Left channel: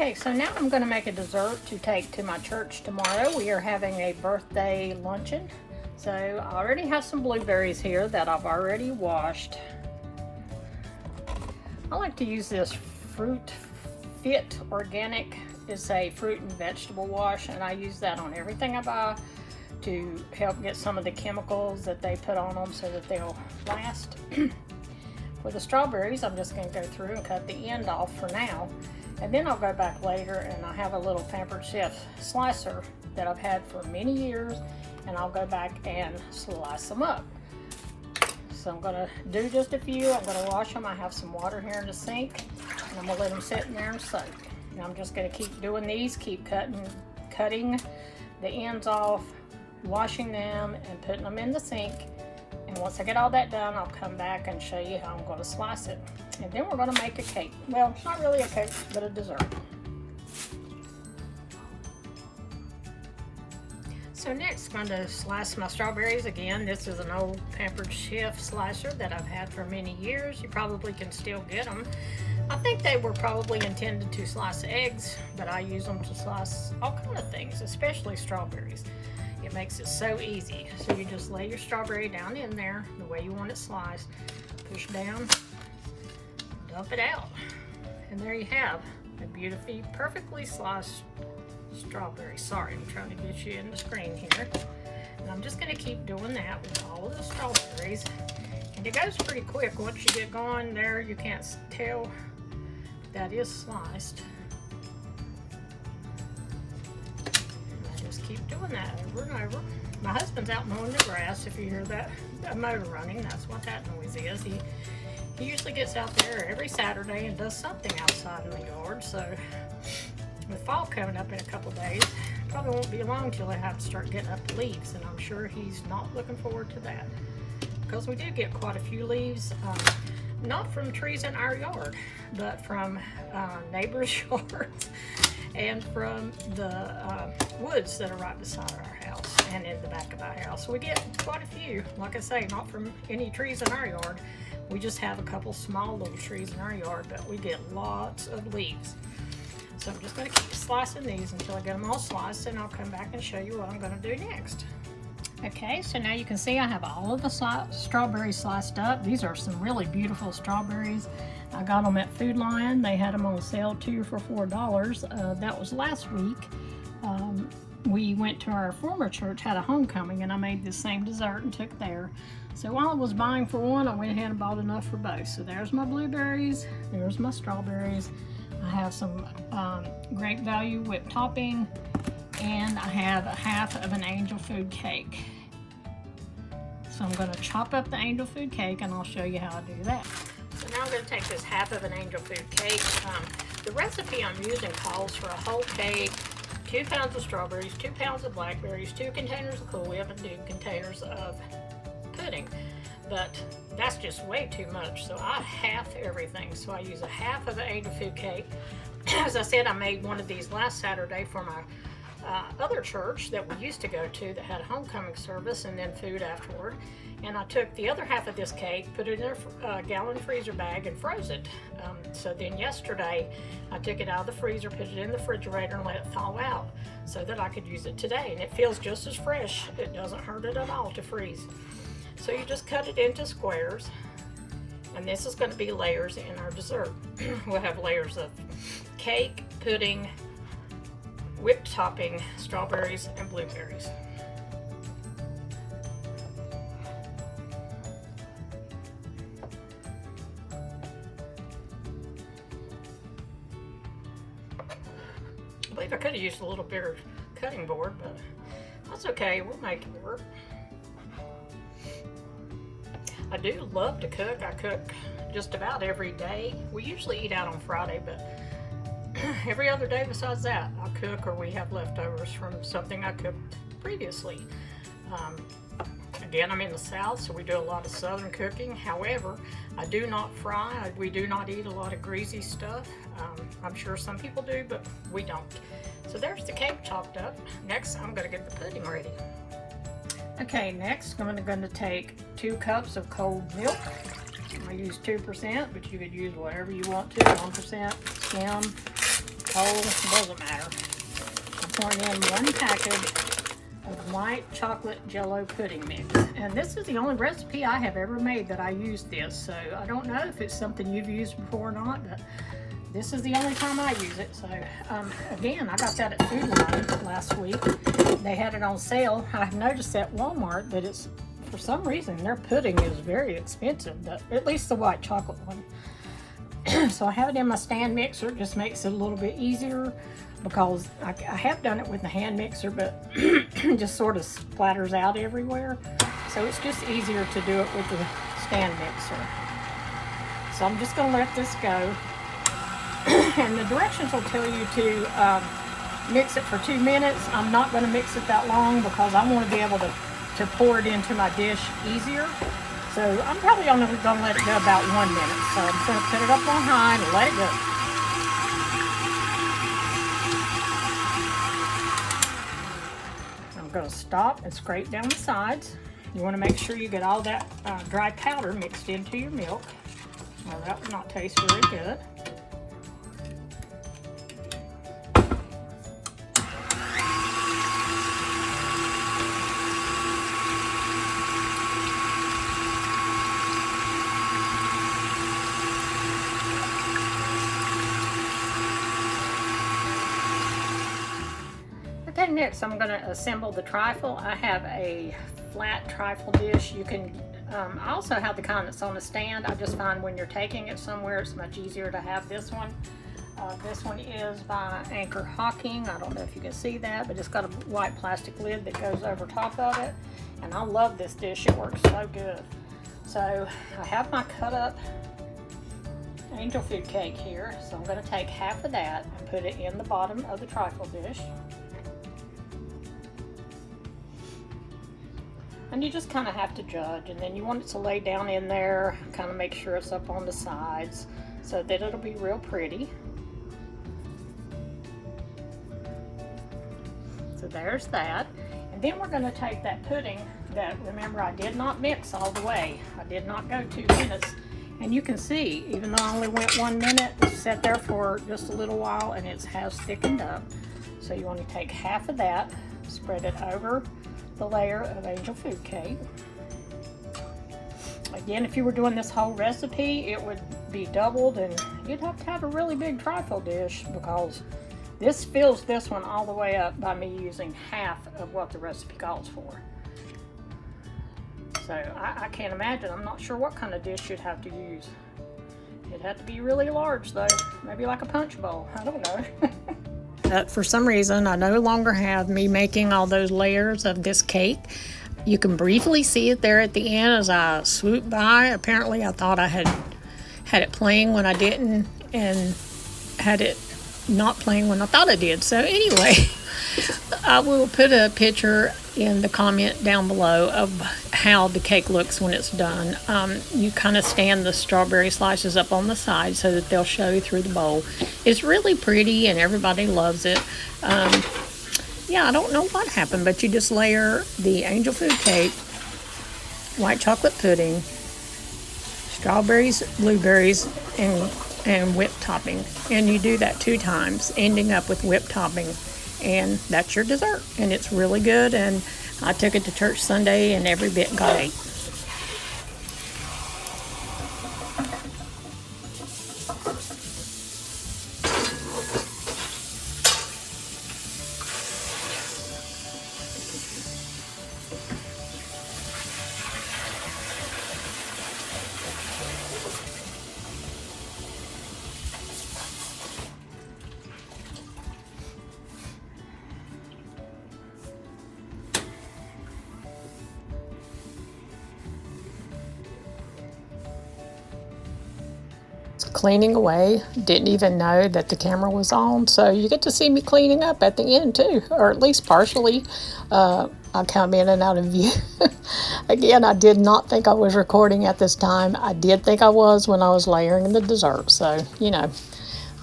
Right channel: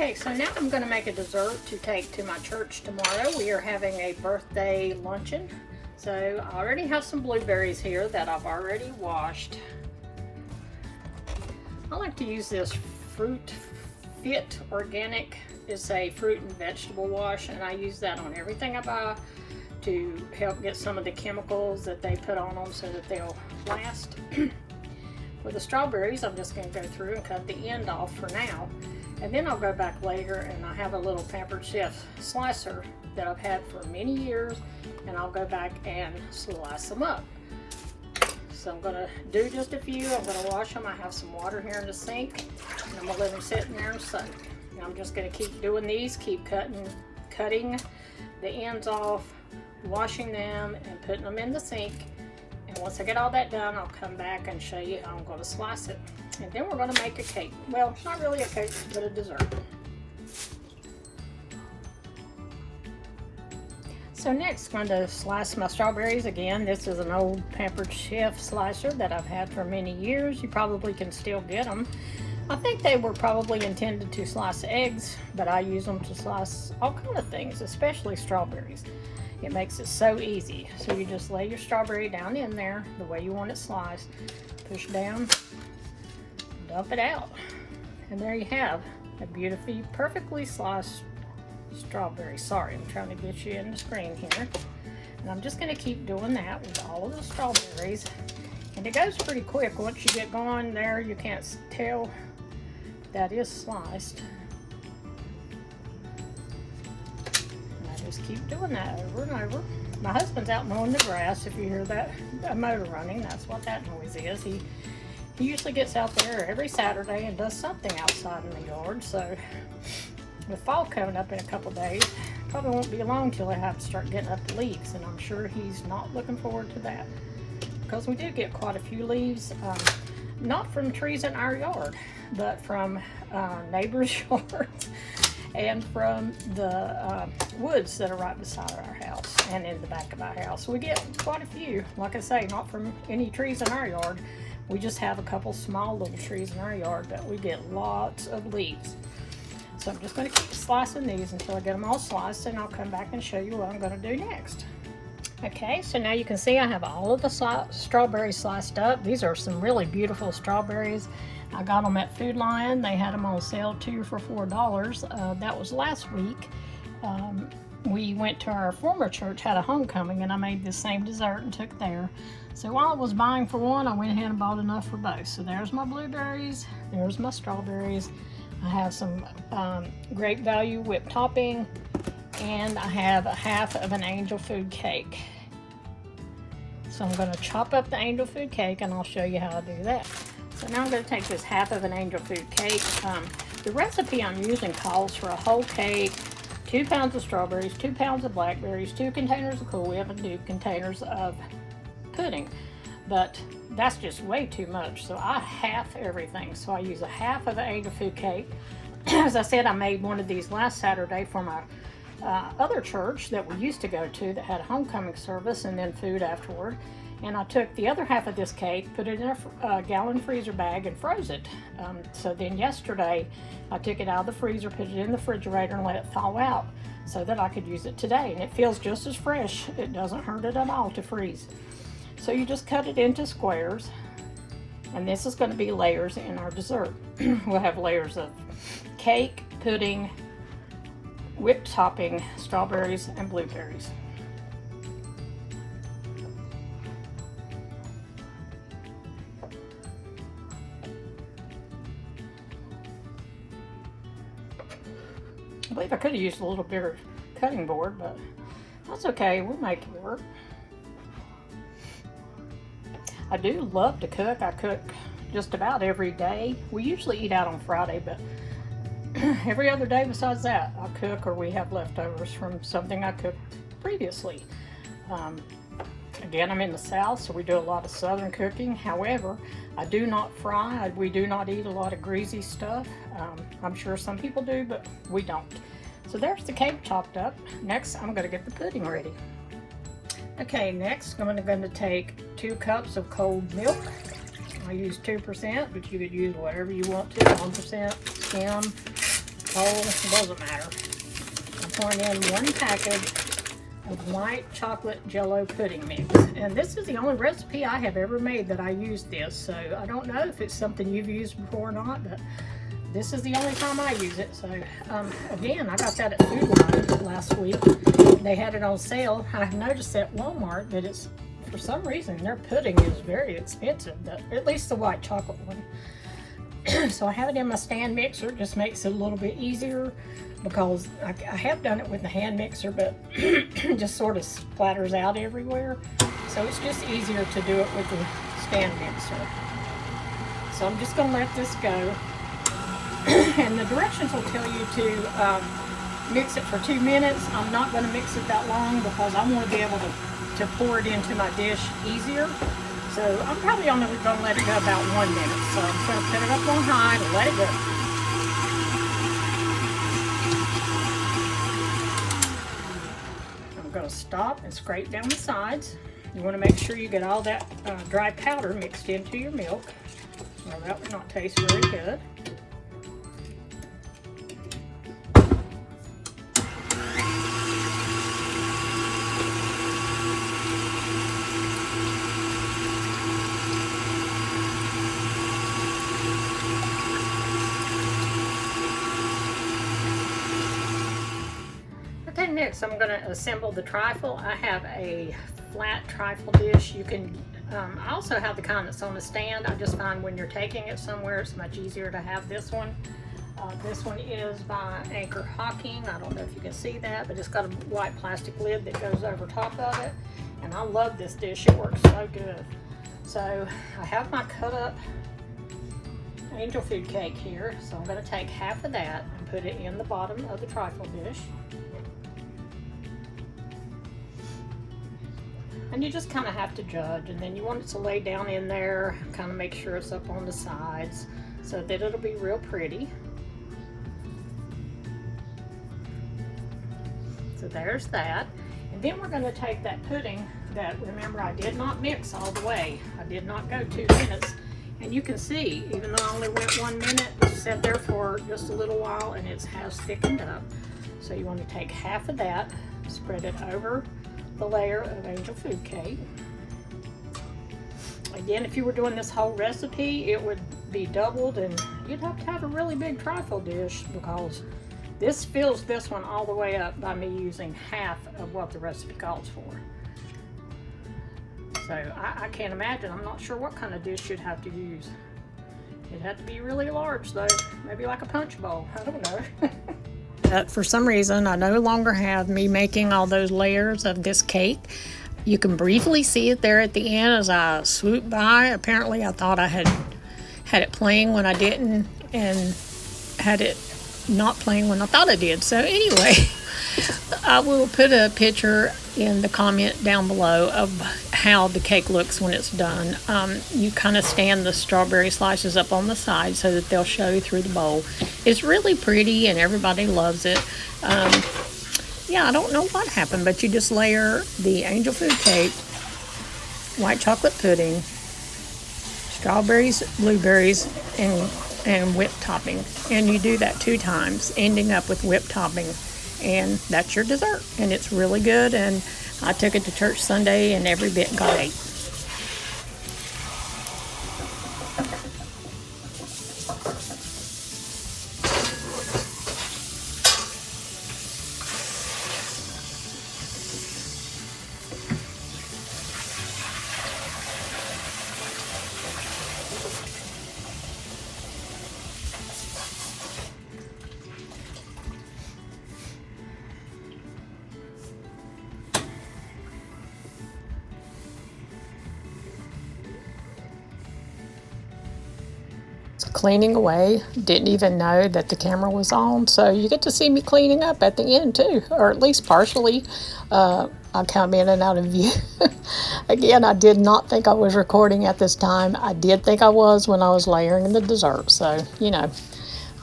Okay, so now I'm going to make a dessert to take to my church tomorrow. We are having a birthday luncheon. So I already have some blueberries here that I've already washed. I like to use this Fruit Fit Organic. It's a fruit and vegetable wash, and I use that on everything I buy to help get some of the chemicals that they put on them so that they'll last. For the strawberries, I'm just going to go through and cut the end off for now. And then I'll go back later, and I have a little Pampered Chef slicer that I've had for many years, and I'll go back and slice them up. So I'm going to do just a few. I'm going to wash them. I have some water here in the sink, and I'm going to let them sit in there and soak. And I'm just going to keep doing these, keep cutting the ends off, washing them, and putting them in the sink. And once I get all that done, I'll come back and show you how I'm going to slice it. And then we're going to make a cake. Well, not really a cake, but a dessert. So next, I'm going to slice my strawberries again. This is an old Pampered Chef slicer that I've had for many years. You probably can still get them. I think they were probably intended to slice eggs, but I use them to slice all kinds of things, especially strawberries. It makes it so easy. So you just lay your strawberry down in there the way you want it sliced. Push down, dump it out. And there you have a beautifully, perfectly sliced strawberry. Sorry, I'm trying to get you in the screen here. And I'm just going to keep doing that with all of the strawberries. And it goes pretty quick. Once you get going there, you can't tell that is sliced. Just keep doing that over and over. My husband's out mowing the grass. If you hear that motor running, that's what that noise is. He usually gets out there every Saturday and does something outside in the yard. So with fall coming up in a couple days, probably won't be long till I have to start getting up the leaves, and I'm sure he's not looking forward to that, because we did get quite a few leaves, not from trees in our yard, but from neighbors' yards. And from the woods that are right beside our house and in the back of our house. We get quite a few. Like I say, not from any trees in our yard. We just have a couple small little trees in our yard, but we get lots of leaves. So I'm just going to keep slicing these until I get them all sliced, and I'll come back and show you what I'm going to do next. Okay, so now you can see I have all of the strawberries sliced up. These are some really beautiful strawberries. I got them at Food Lion. They had them on sale too for $4. That was last week. We went to our former church, had a homecoming, and I made the same dessert and took there. So while I was buying for one, I went ahead and bought enough for both. So there's my blueberries, there's my strawberries. I have some great value whipped topping, and I have a half of an angel food cake. So I'm going to chop up the angel food cake, and I'll show you how to do that. So now I'm going to take this half of an angel food cake. The recipe I'm using calls for a whole cake, 2 pounds of strawberries, 2 pounds of blackberries, 2 containers of Cool Whip, and 2 containers of pudding. But that's just way too much, so I half everything. So I use a half of the angel food cake. As I said, I made one of these last Saturday from a other church that we used to go to that had a homecoming service and then food afterward. And I took the other half of this cake, put it in a gallon freezer bag, and froze it. So then yesterday, I took it out of the freezer, put it in the refrigerator, and let it thaw out so that I could use it today. And it feels just as fresh. It doesn't hurt it at all to freeze. So you just cut it into squares. And this is going to be layers in our dessert. We'll have layers of cake, pudding, whipped topping, strawberries, and blueberries. I believe I could have used a little bigger cutting board, but that's okay. We'll make it work. I do love to cook. I cook just about every day. We usually eat out on Friday, but every other day besides that, I cook, or we have leftovers from something I cooked previously. Again, I'm in the South, so we do a lot of Southern cooking. However, I do not fry. We do not eat a lot of greasy stuff. I'm sure some people do, but we don't. So there's the cake chopped up. Next, I'm going to get the pudding ready. Okay, next I'm going to take 2 cups of cold milk. I use 2%, but you could use whatever you want to, 1%, skim. whole, it doesn't matter. I'm pouring in 1 package of white chocolate jello pudding mix. And this is the only recipe I have ever made that I use this. So I don't know if it's something you've used before or not, but this is the only time I use it. So again, I got that at Food Line last week. They had it on sale. I've noticed at Walmart that it's, for some reason, their pudding is very expensive, at least the white chocolate one. So I have it in my stand mixer. It just makes it a little bit easier because I have done it with the hand mixer, but just sort of splatters out everywhere. So it's just easier to do it with the stand mixer. So I'm just going to let this go. And the directions will tell you to mix it for 2 minutes. I'm not going to mix it that long because I want to be able to pour it into my dish easier. So I'm probably only going to let it go about 1 minute. So I'm going to put it up on high and let it go. I'm going to stop and scrape down the sides. You want to make sure you get all that dry powder mixed into your milk. Well, that would not taste very good. Okay, next I'm going to assemble the trifle. I have a flat trifle dish. You can I also have the kind that's on the stand. I just find when you're taking it somewhere, it's much easier to have this one. This one is by Anchor Hocking. I don't know if you can see that, but it's got a white plastic lid that goes over top of it. And I love this dish. It works so good. So I have my cut up angel food cake here. So I'm going to take half of that and put it in the bottom of the trifle dish. And you just kind of have to judge, and then you want it to lay down in there, kind of make sure it's up on the sides so that it'll be real pretty. So there's that. And then we're going to take that pudding that, remember, I did not mix all the way. I did not go 2 minutes. And you can see, even though I only went 1 minute, it sat there for just a little while and it has thickened up. So you want to take half of that, spread it over the layer of angel food cake. Again, if you were doing this whole recipe, it would be doubled and you'd have to have a really big trifle dish because this fills this one all the way up by me using half of what the recipe calls for. So I can't imagine. I'm not sure what kind of dish you'd have to use. It'd have to be really large though, maybe like a punch bowl. I don't know. For some reason, I no longer have me making all those layers of this cake. You can briefly see it there at the end as I swoop by. Apparently, I thought I had it playing when I didn't, and had it not playing when I thought I did. So anyway, I will put a picture in the comment down below of how the cake looks when it's done. You kind of stand the strawberry slices up on the side so that they'll show through the bowl. It's really pretty and everybody loves it. Yeah, I don't know what happened, but you just layer the angel food cake, white chocolate pudding, strawberries, blueberries, and whipped topping. And you do that 2 times, ending up with whipped topping. And that's your dessert. And it's really good. And I took it to church Sunday and every bit got 8. Cleaning away, didn't even know that the camera was on, so you get to see me cleaning up at the end too, or at least partially. I come in and out of view. Again, I did not think I was recording at this time. I did think I was when I was layering the dessert, so you know,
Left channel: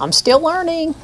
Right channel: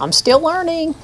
I'm still learning.